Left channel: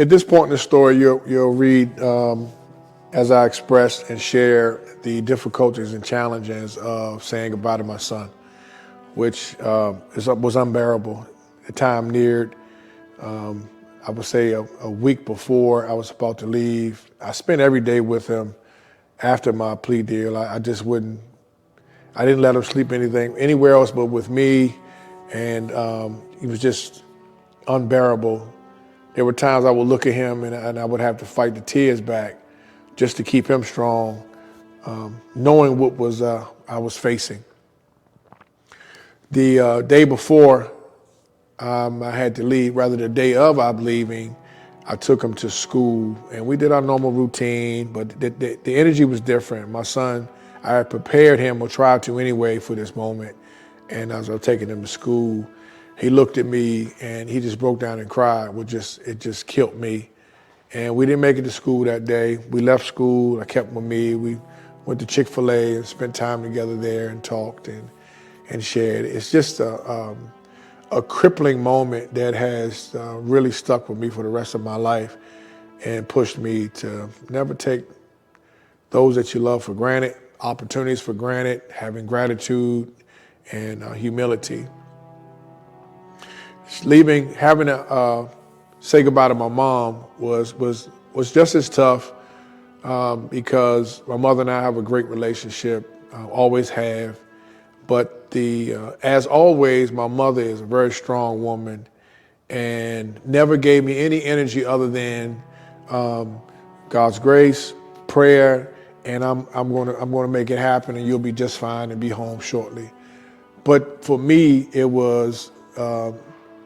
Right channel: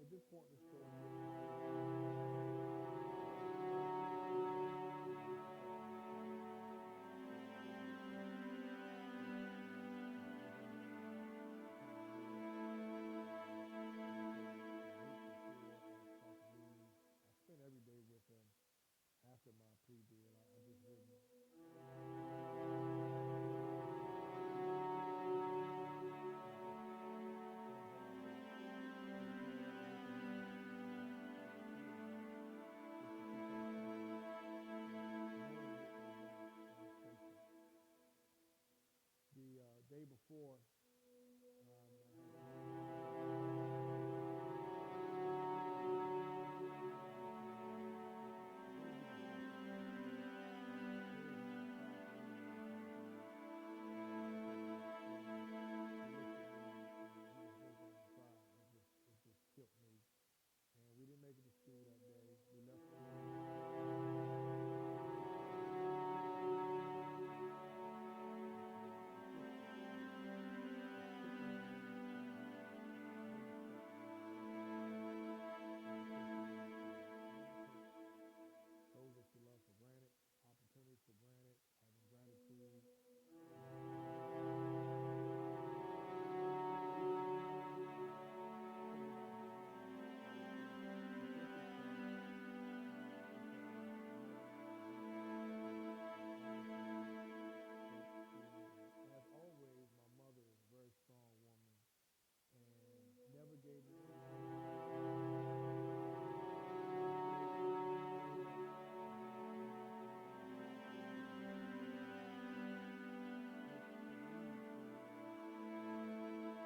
At this point in the story, you'll read as I express and share the difficulties and challenges of saying goodbye to my son, which was unbearable. The time neared. I would say a week before I was about to leave. I spent every day with him after my plea deal. I just wouldn't. I didn't let him sleep anywhere else but with me, and he was just unbearable. There were times I would look at him and I would have to fight the tears back just to keep him strong, knowing what was I was facing. The day before I had to leave, rather the day of I'm leaving, I took him to school and we did our normal routine, but the energy was different. My son, I had prepared him, or tried to anyway, for this moment. And as I was taking him to school, he looked at me and he just broke down and cried. It just killed me. And we didn't make it to school that day. We left school, I kept him with me. We went to Chick-fil-A and spent time together there and talked and shared. It's just a crippling moment that has really stuck with me for the rest of my life and pushed me to never take those that you love for granted, opportunities for granted, having gratitude and humility. Leaving, having to say goodbye to my mom was just as tough because my mother and I have a great relationship, always have. But as always, my mother is a very strong woman and never gave me any energy other than God's grace, prayer, and I'm gonna make it happen, and you'll be just fine and be home shortly. But for me, it was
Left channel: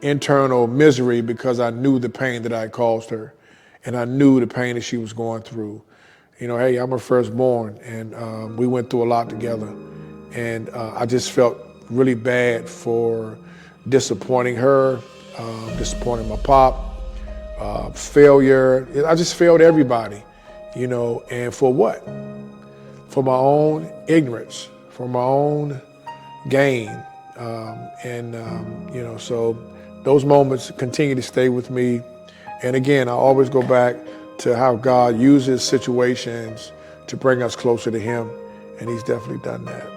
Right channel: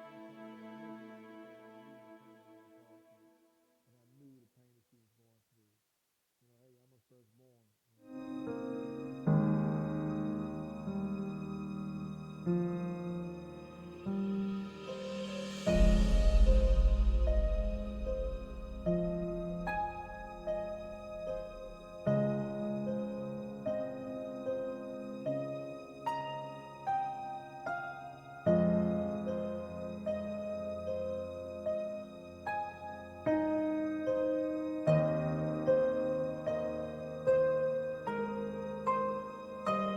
internal misery because I knew the pain that I caused her, and I knew the pain that she was going through. You know, hey, I'm her firstborn, and we went through a lot together. And I just felt really bad for disappointing her, disappointing my pop, failure. I just failed everybody, you know, and for what? For my own ignorance, for my own gain. You know, so those moments continue to stay with me. And again, I always go back to how God uses situations to bring us closer to Him, and He's definitely done that.